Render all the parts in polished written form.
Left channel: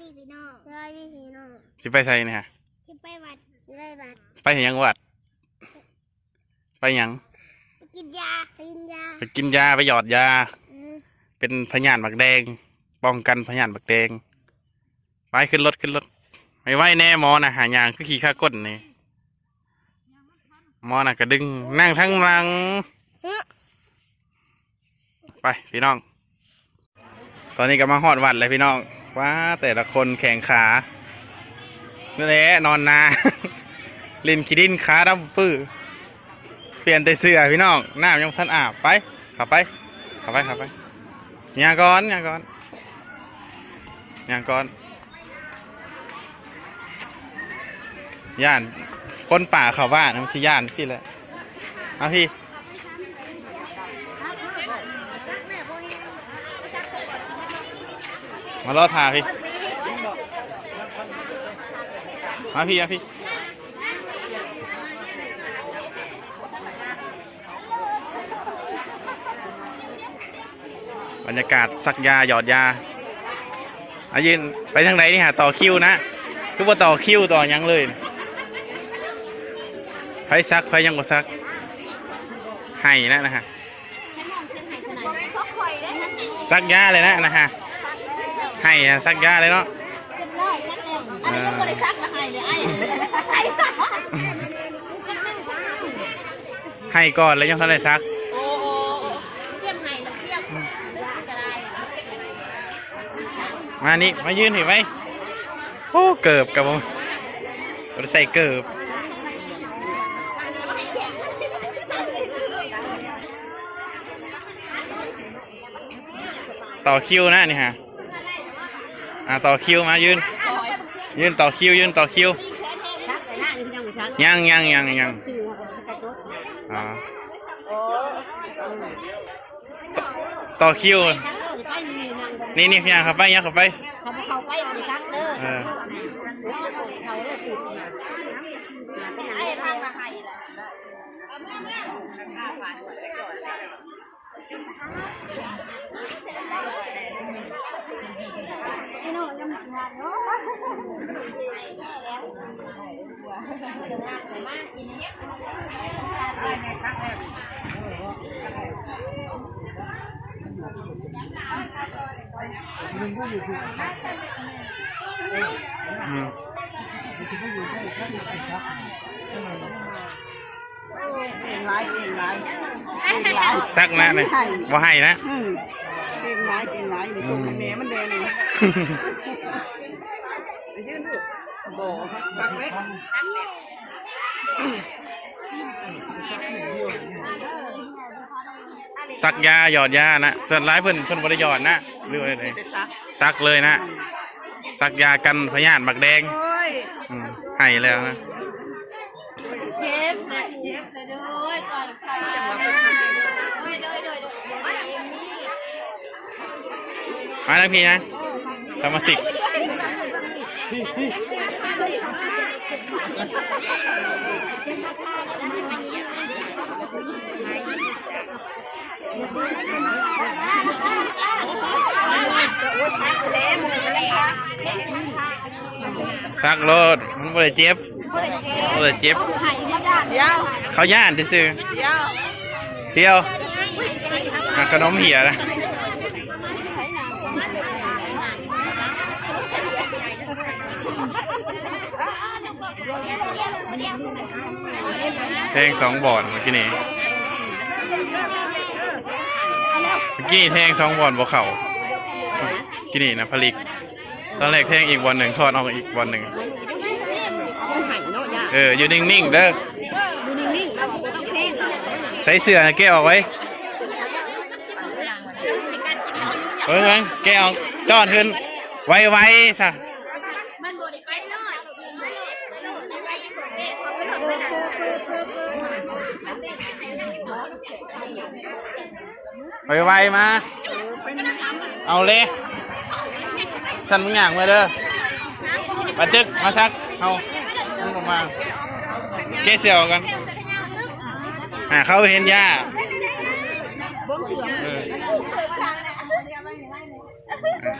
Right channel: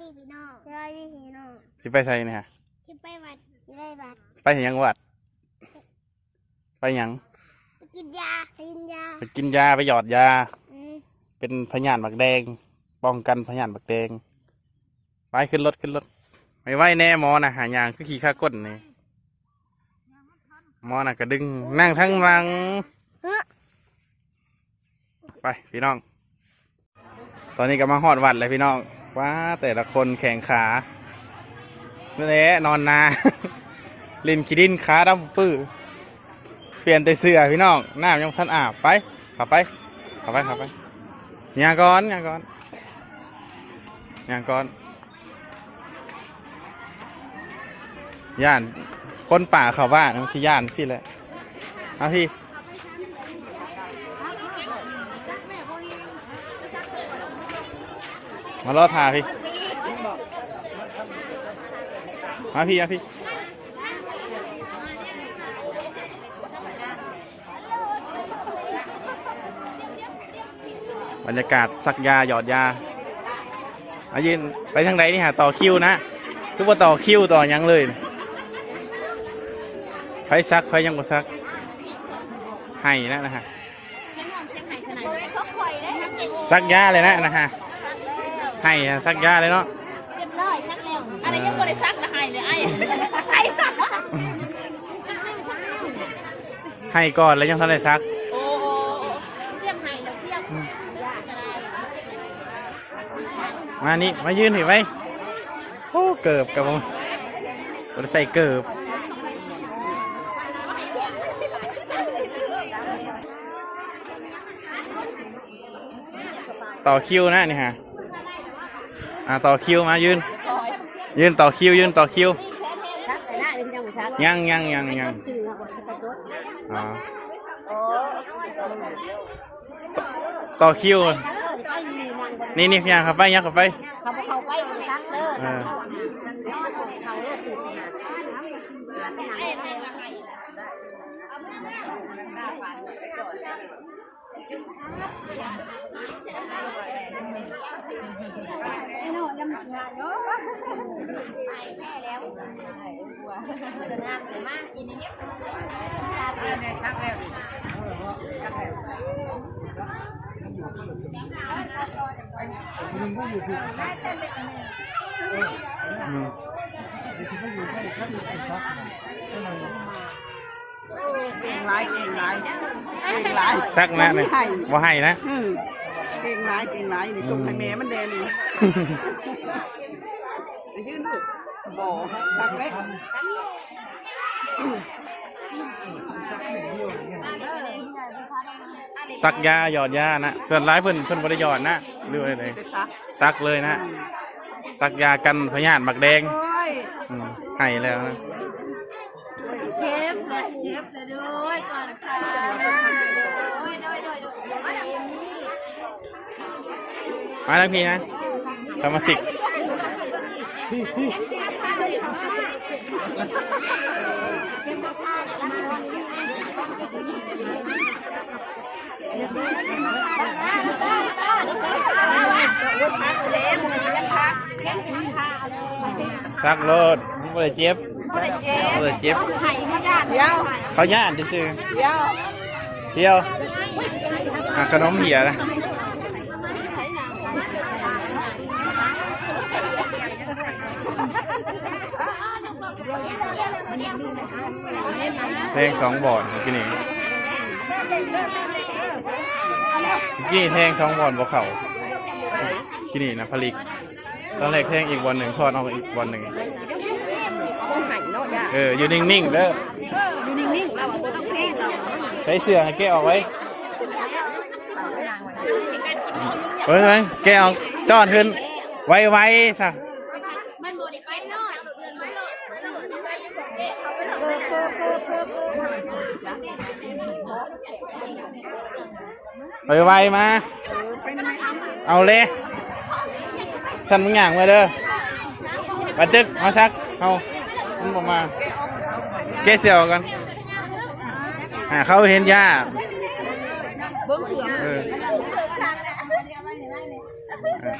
ดีพี่น้องสบายดีพี่น้องสิไปใส่เนี่ยฮะสิไปวัดสิไปวัดไปเห็นยังวัดไปยังไปกินยาไปกินยาไปกินยาไปหยอดยาเป็นพยานบักแดงป้องกันพยานบักแดงไปขึ้นรถไม่ไหวแน่หมอนะหายางคือขี่ข้าก้นนี่หมอน่ะก็ดึงนั่งทั้งหลังไปพี่น้องตอนนี้ก็มาฮอดวัดเลยพี่น้องว้าแต่ละคนแข่งขานี่แหละนอนนาลินขี้ดินขาดำปื้อเปลี่ยนแต่เสื้อพี่น้องน้ำยังพันอาบไปขับไปยาก่อนย่านคนป่าเขาบ้านมันชื่อย่านชื่อแล้วเอาพี่มารอทาพี่เอาพี่บรรยากาศซักยาหยอดยาอายืนไปทางไหนนี่ฮะต่อคิวนะคือว่าต่อคิวต่อยังเลยไฟซักไฟยังบ่ซักให้นะฮะซักยาเลยนะฮะให้ซักยาเลยเนาะอันนี้ยังไม่ได้ซักนะให้เลยให้ก่อนแล้วยังทันได้ซักมานี่มายืนถือไว้โอ้เกิบกับผมใส่เกิบต่อคิวนะนี่ฮะต่อคิวมายืนต่อคิวยังต่อคิวนี่พี่ยังขับไปเก่งหลายซักนะเนี่ยว่าให้นะเก่งหลายนี่ตรงทางแม่มันแดงนี่ยืนดูโอ้ซักเล็กซักยาหยอดยานะส่วนร้ายเพิ่นบริหยอดนะเรื่องอะไรซักเลยนะซักยากันพยาธิบักแดงให้แล้วนะเจ็บด้วยก่อนมาแล้วพี่นะสมาชิกซักรถมันไม่ได้เจ็บเขาย่านซื้อเที่ยวขนมเหี่ยนะแทง2 บ่อนเมื่อกี้นี่แทง2 บ่อนบ่เข่ากินนี่นะผลิกตอนแรกแทงอีกบ่อนหนึ่งทอดออกอีกบ่อนหนึ่งอยู่นิ่งๆเด้อใส่เสื้อแกออกไว้แกออกจอดขึ้นไวๆซะไวมาเอาเลยสั่นมึงอย่างมาเด้อมาจึกมาซักเอามันออกมาแกเสียวกันเขาเห็นย่า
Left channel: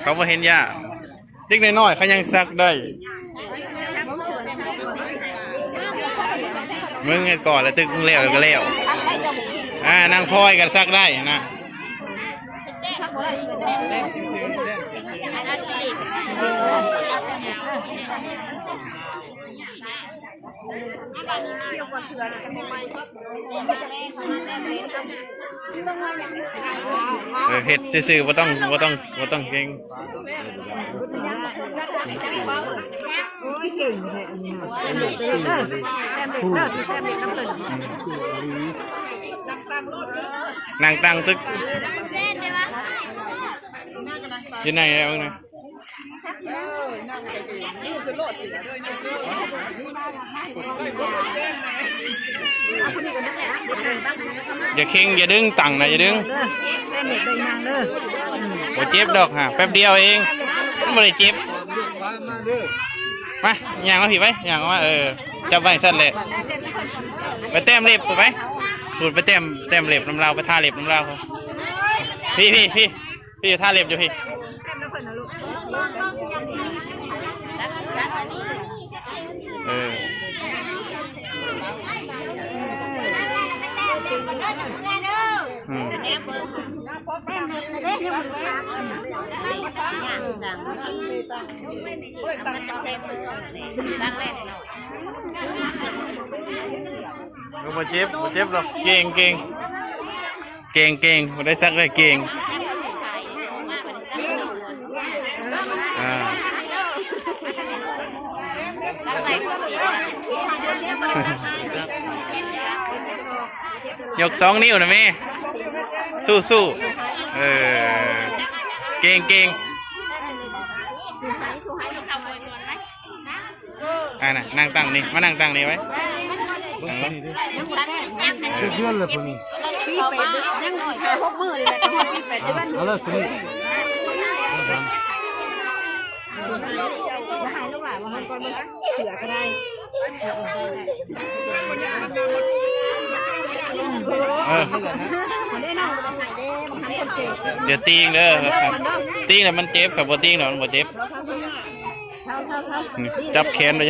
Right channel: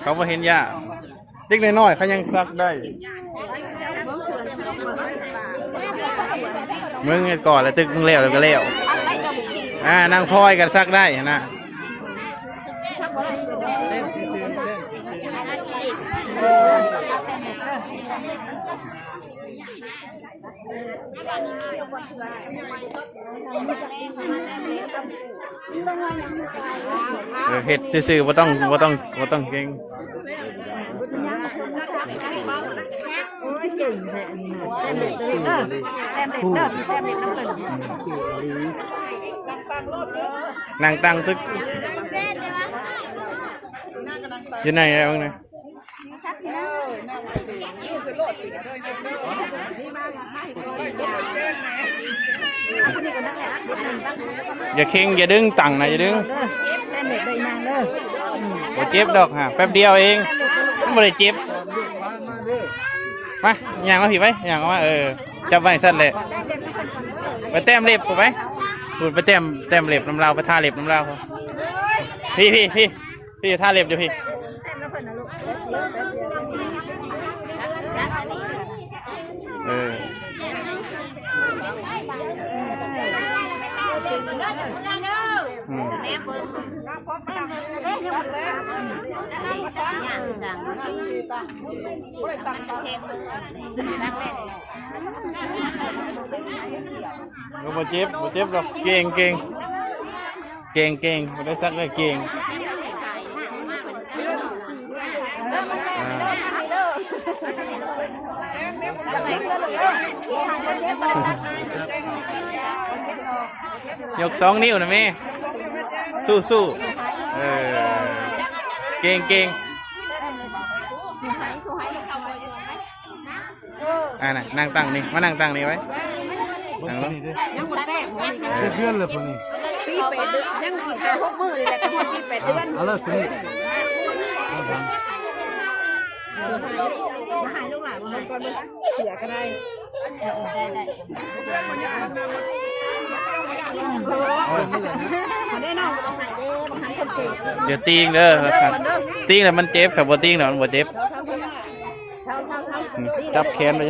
เขาบ่เห็นยา เด็กน้อยๆเขายังซักได้มึงก่อนแล้วตึกมึงแล้วก็แล้วนั่งพลอยกันซักได้นะเห็ดซื่อๆบ่ต้องเก่งนางตั้งตึกยังไงเอาไงอย่าเข่งอย่าดึงตังนะอย่าดึงบ่เจ็บดอกฮะแป๊บเดียวเองไม่ได้เจ็บมาอย่างมาผิดไหมอย่างมาจับไว้สั้นเลยไปแต้มเล็บกูไหมหลุดไปแต้มเล็บน้ำลาวไปท่าเล็บน้ำลาวเขาพี่ท่าเล็บดูพี่ก็บ่เจ็บหรอกเก่งบ่ได้ซักได้เก่งยก2 นิ้วนะแม่สู้เก่งน่ะนั่งตั้งนี่มานั่งตั้งนี่ไว้เพื่อนเลยพวกนี้เอาเลยคนนี้เสือก็ได้เดี๋ยวตีงเด้อตีงแล้วมันเจ็บกับบ่ตีงแล้วมันบ่เจ็บจับแขนไป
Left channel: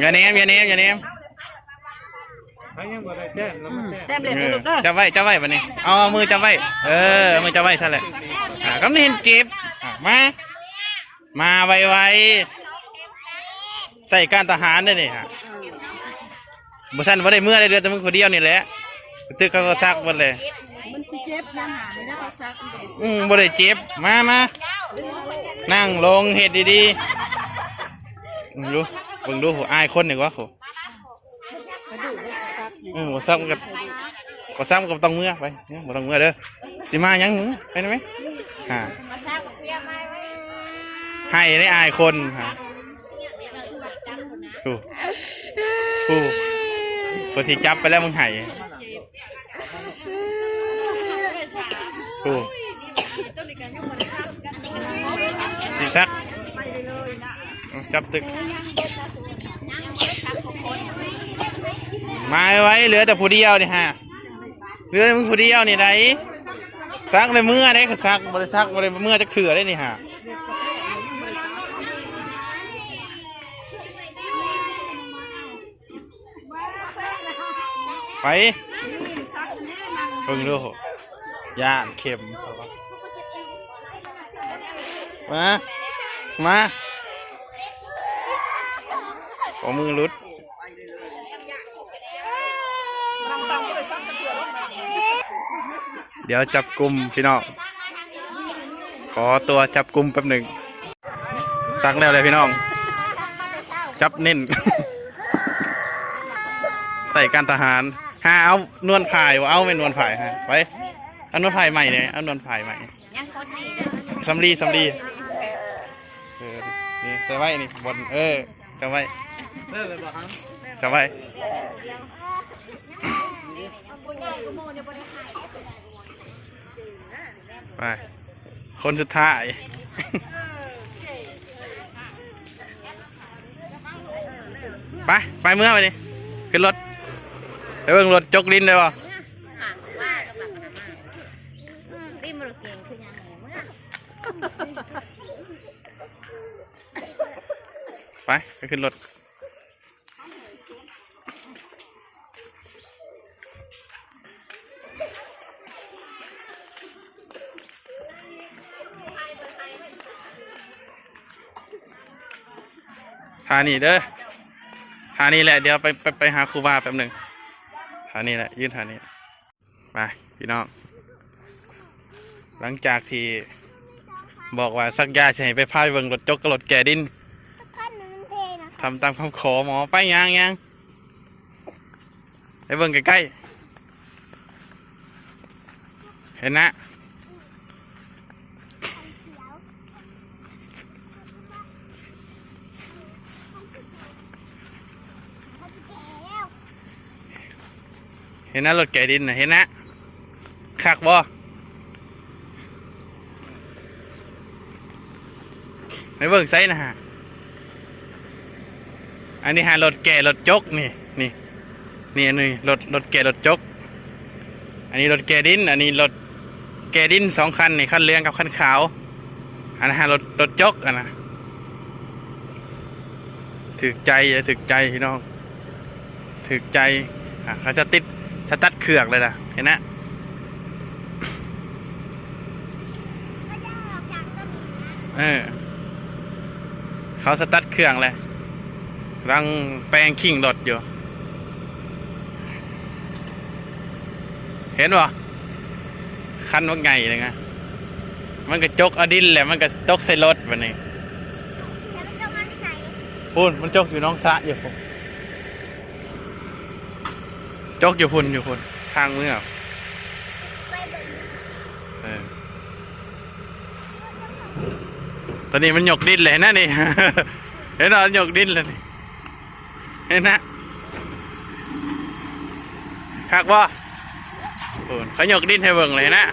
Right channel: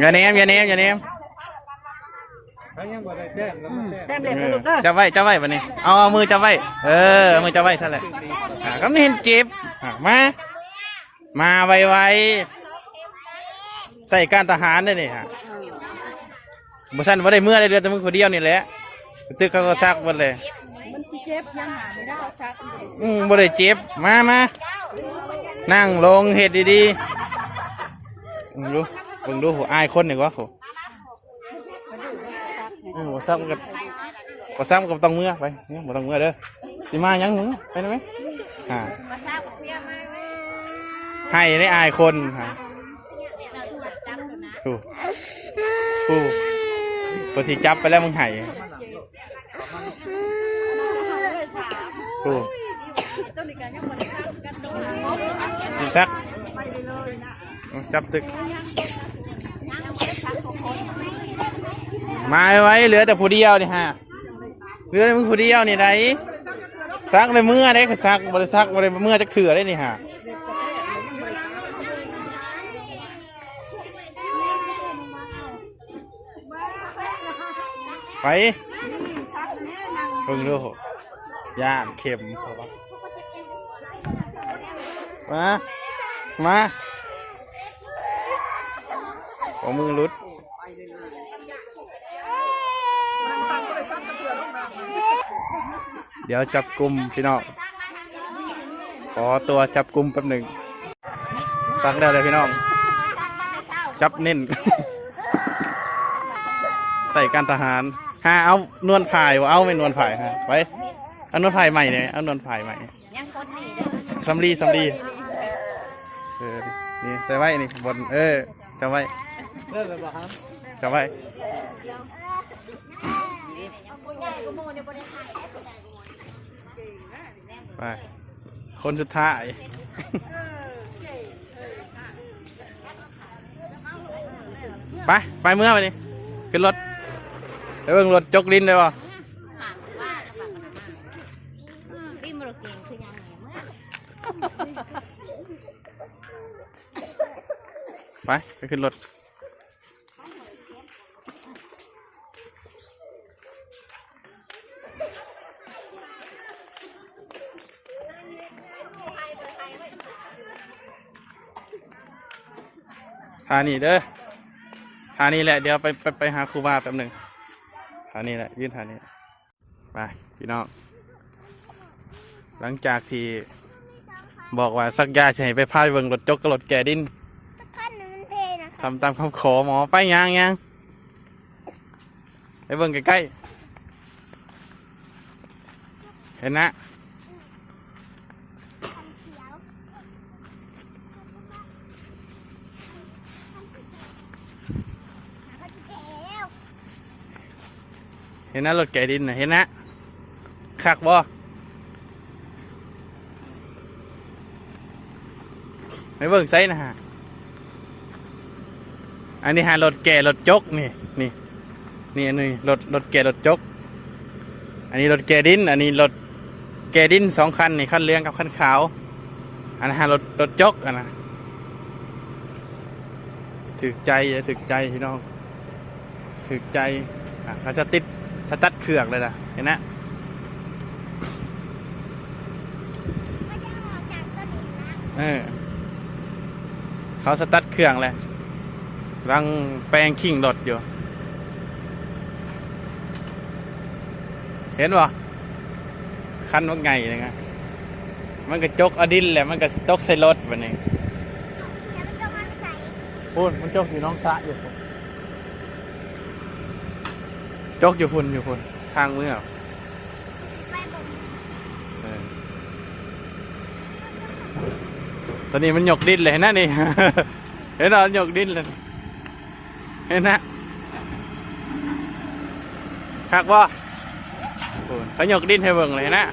อย่าเนมจับไว้วันนี้เอามือจับไว้มือจับไว้ใช่แหละก็ไม่เห็นเจ็บมาไวใส่การทหารได้นี่ฮะบุษันว่าได้เมื่อได้เดือนแต่มึงคนเดียวนี่แหละตึกเขาก็ซักหมดเลยมันสิเจ็บยังหาไม่ได้เขาซักบ่ได้เจ็บมานั่งลงเห็ดดีๆดูเบิ่งดูอายคนหนึ่งวะโหบ่ซักกับต้องเมื่อไปบ่ต้องเมื่อเด้อสิมายังมือไปได้ไหมให้ได้อายคนฮะคนที่จับไปแล้วมึงไห้สีซักจับตึกมาไว้เหลือแต่ผู้เดียวนี่ฮะเหลือมึงผู้เดียวนี่ไรซักเลยเมื่อได้คือซักบริซักบริเมื่อจะเถื่อได้นี่ฮะไปเพิ่งดูย่านเข็มมาขอมือรุดเดี๋ยวจับกลุ่มพี่น้องขอตัวจับกลุ่มแป๊บหนึ่งซักแล้วเลยพี่น้องจับเน้น ใส่การทหารเอานวลผ่ายวะเอาไม่นวลผ่ายฮะไปเอานวลผ่ายใหม่เนี่ยเอานวลผ่ายใหม่สำลีนี่ใส่ไว้นี่บนจะไว้จะไว้ไปคนสุดท้ายไปเมื่อไปดิ ขึ้นรถไปเบิ่งรถจกดินได้ป่ะ ดิมรถเก่งคือยังไงเมื่อ ไปขึ้นรถทานี่เด้อทานี่แหละเดี๋ยวไปหาครูบาแป๊บหนึ่งทานี่แหละยื่นทานี่ไปพี่น้องหลังจากที่บอกว่าสักยาจะให้ไปพาไปเบิ่งรถจกกับรถแก่ดินทำตามคำขอหมอไปยังไปเบิ่งใกล้ๆเห็นนะเห็นนะรถแก่ดินนะเห็นนะคักบ่ไปเบิ่งไซนะฮะอันนี้หารถแก่รถจกนี่อันนี้รถแก่รถจกอันนี้รถแก่ดินอันนี้รถแก่ดิน2 คันนี่คันเหลืองกับคันขาวอันนั้นรถจกอันนะถึกใจพี่น้องถึกใจเขาจะติดสตัดเครื่องเลยนะเห็นนะเขาสตัดเครื่องเลยรังแปลงขิงรถอยู่เห็นป่ะคันว่าไงเลยไงมันก็จกอดินแหละมันก็จกใส่รถแบบนี้พูนมันจกอยู่น้องสะอยู่จกอยู่พุ่นทางมือตอนนี้มันหยกดินเลยนะนี่ เห็นเราหยกดินเลยนี่เห็นนะคักบ่เขาหยกดินให้เบิ่งเลยนะ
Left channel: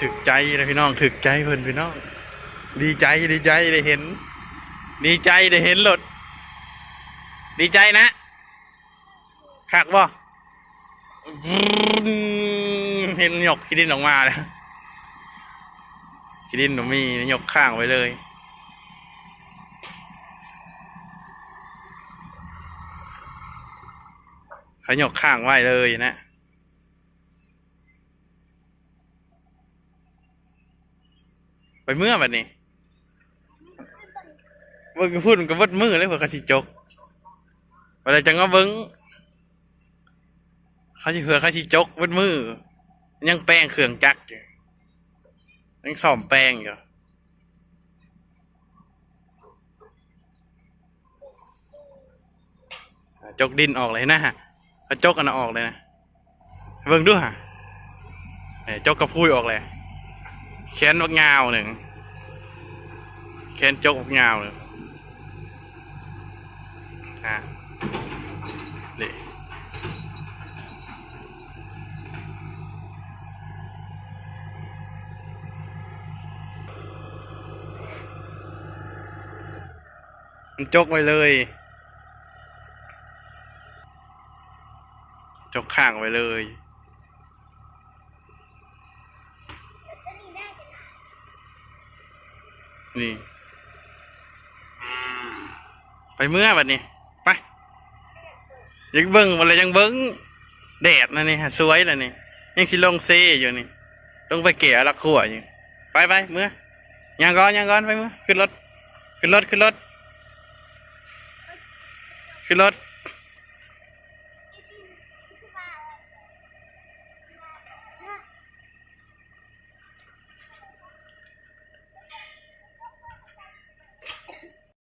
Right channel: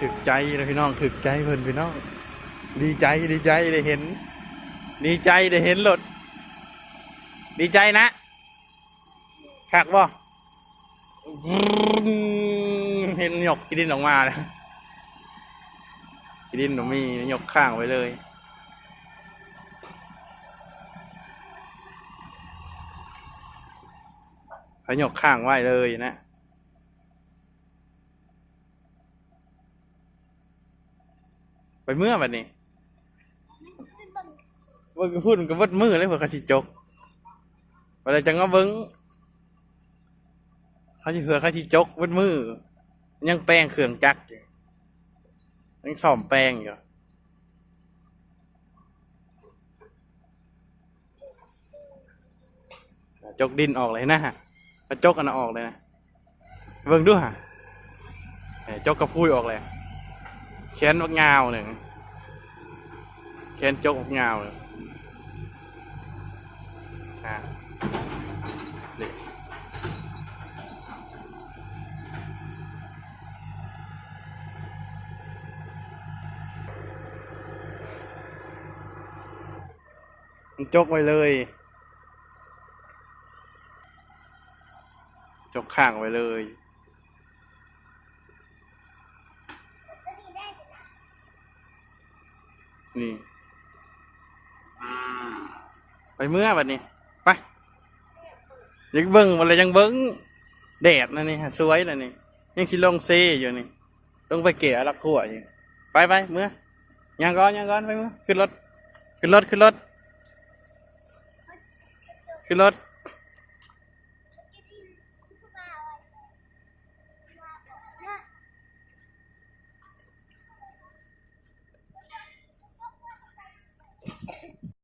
ถึกใจเลยพี่น้องถึกใจเพิ่นพี่น้องดีใจได้เห็นดีใจได้เห็นรถดีใจนะคักบ่เห็นหยกขี้ดินออกมาเลยขี้ดินมีหยกข้างไว้เลยเขาหยกข้างไว้เลยนะไปเมื่อแบบนี้ว่าพูดกับวัดมือเลยพวกเขาสิจกเวลาจังก็เบิ้งเขาสิเผื่อเขาสิจกวัดมือยังแป้งเครื่องจักรอยู่ยังซ่อมแป้งอยู่จกดินออกเลยนะฮะเขาจกกันออกเลยนะเบิ่งดูฮะจกกระพุ้ยออกเลยแขนวักงาวหนึ่งแขนจกวักงาวหนึ่งนี่มันจกไว้เลยจกข้างไว้เลยนี่ไปเมื่อบัดนี้ไปยังเบิ้งอะไรยังเบิ้งแดดนะนี่ฮะสวยนะนี่ยังสิลงเซอยู่นี่ลงไปเกี่ยรักขั่วอยู่ไปเมื่อยังก่อนไปเมื่อขึ้นรถ